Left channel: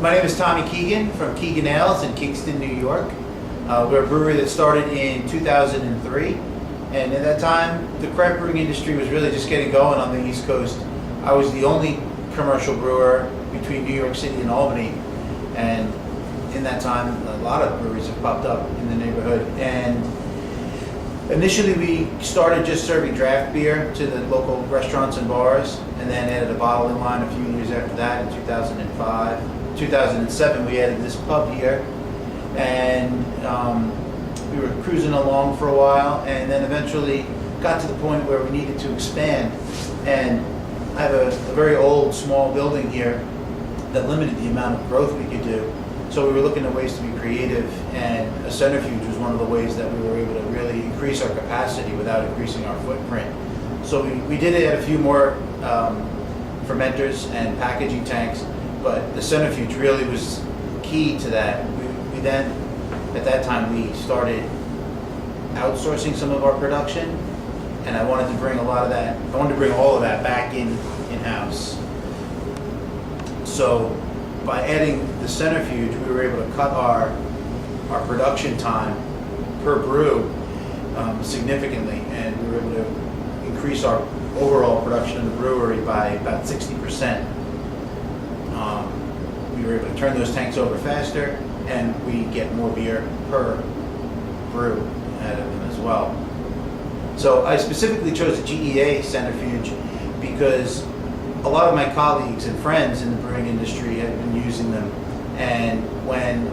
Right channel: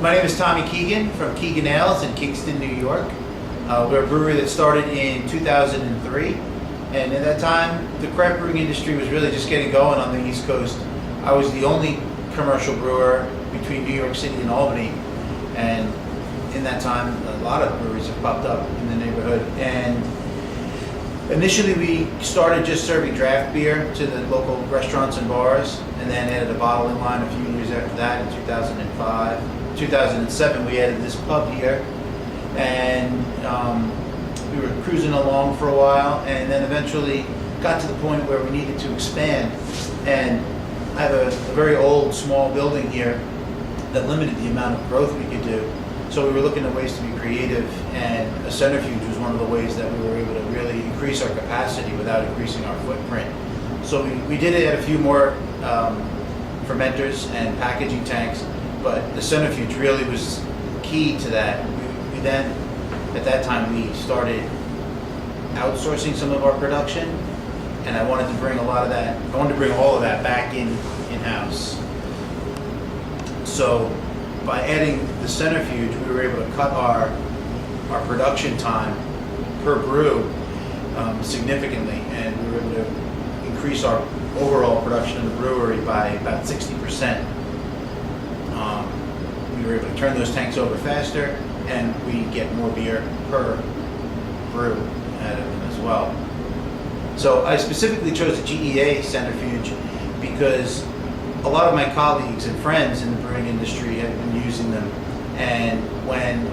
My name is Tommy Keegan from Keegan Ales in Kingston, New York. We're a brewery that started in 2003, and at that time the craft brewing industry was really just getting going on the East Coast. I was the only commercial brewer between New York City and Albany, and in that time a lot of breweries have popped up in the neighborhood. And initially we started just serving draft beer to the local restaurants and bars, and then added a bottling line a few years after that in 2005. 2007 we added this pub here, and we were cruising along for a while, and then eventually got to the point where we needed to expand. And I have a very old small building here that limited the amount of growth we could do. So we were looking at ways to be creative, and a centrifuge was one of the ways that we were able to really increase our capacity without increasing our footprint. So we did add a few more fermenters and packaging tanks, but the centrifuge really was key to that. We then, at that time, we started outsourcing some of our production, and I wanted to bring all of that back in-house. So by adding the centrifuge, we were able to cut our production time per brew significantly, and we were able to increase our overall production in the brewery by about 60%. We were able to turn those tanks over faster, and we get more beer per brew out of them as well. So I specifically chose the GEA centrifuge because a lot of my colleagues and friends in the brewing industry have been using them, and when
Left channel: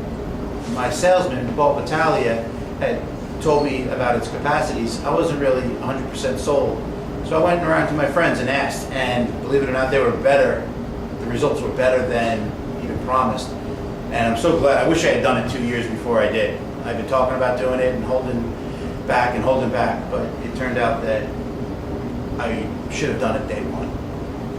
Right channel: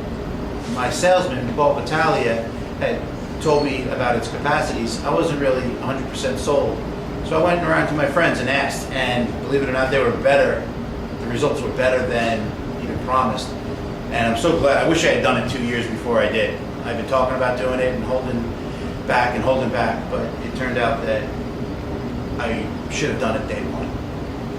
my salesman, Paul Battaglia, had told me about its capacities, I wasn't really 100% sold. So I went around to my friends and asked, and believe it or not, they were better. The results were better than even promised. And I'm so glad. I wish I had done it 2 years before I did. I've been talking about doing it and holding back, but it turned out that I should have done it day one,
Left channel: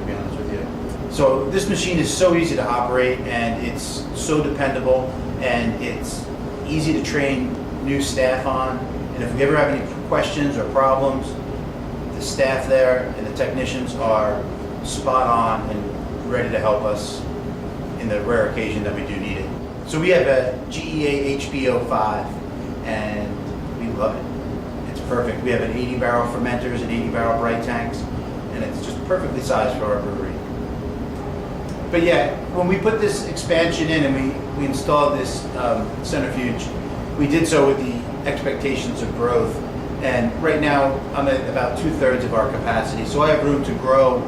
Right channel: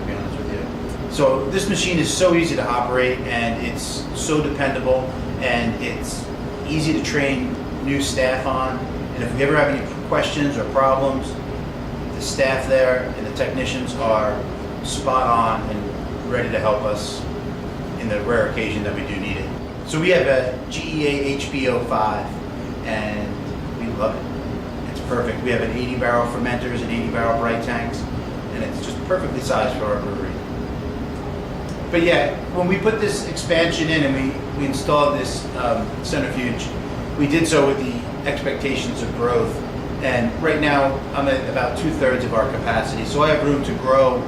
to be honest with you. So this machine is so easy to operate, and it's so dependable, and it's easy to train new staff on. And if we ever have any questions or problems, the staff there and the technicians are spot on and ready to help us in the rare occasion that we do need it. So we have a GEA HB05, and we love it. It's perfect. We have an 80-barrel fermenters and 80-barrel bright tanks, and it's just perfectly sized for our brewery. But yeah, when we put this expansion in and we installed this centrifuge, we did so with the expectations of growth. And right now I'm at about 2/3 of our capacity, so I have room to grow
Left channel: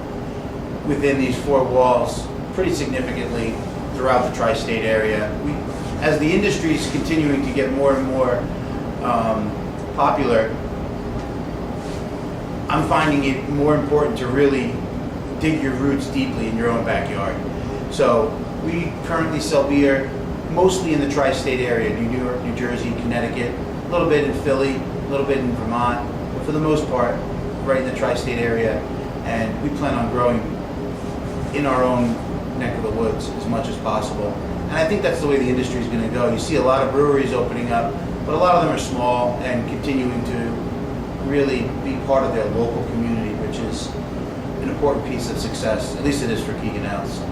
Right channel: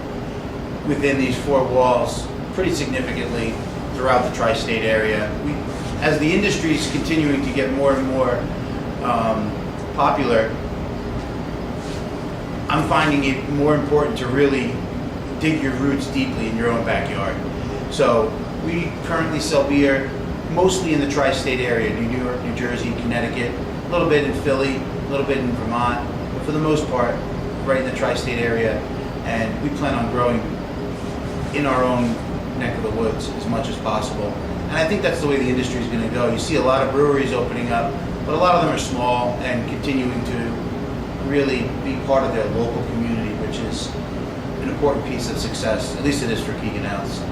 within these four walls pretty significantly throughout the tri-state area. As the industry is continuing to get more and more popular, I'm finding it more important to really dig your roots deeply in your own backyard. So we currently sell beer mostly in the tri-state area, New York, New Jersey, Connecticut, a little bit in Philly, a little bit in Vermont, but for the most part, right in the tri-state area. And we plan on growing in our own neck of the woods as much as possible. And I think that's the way the industry is going to go. You see a lot of breweries opening up, but a lot of them are small and continuing to really be part of their local community, which is an important piece of success. At least it is for Keegan Ales.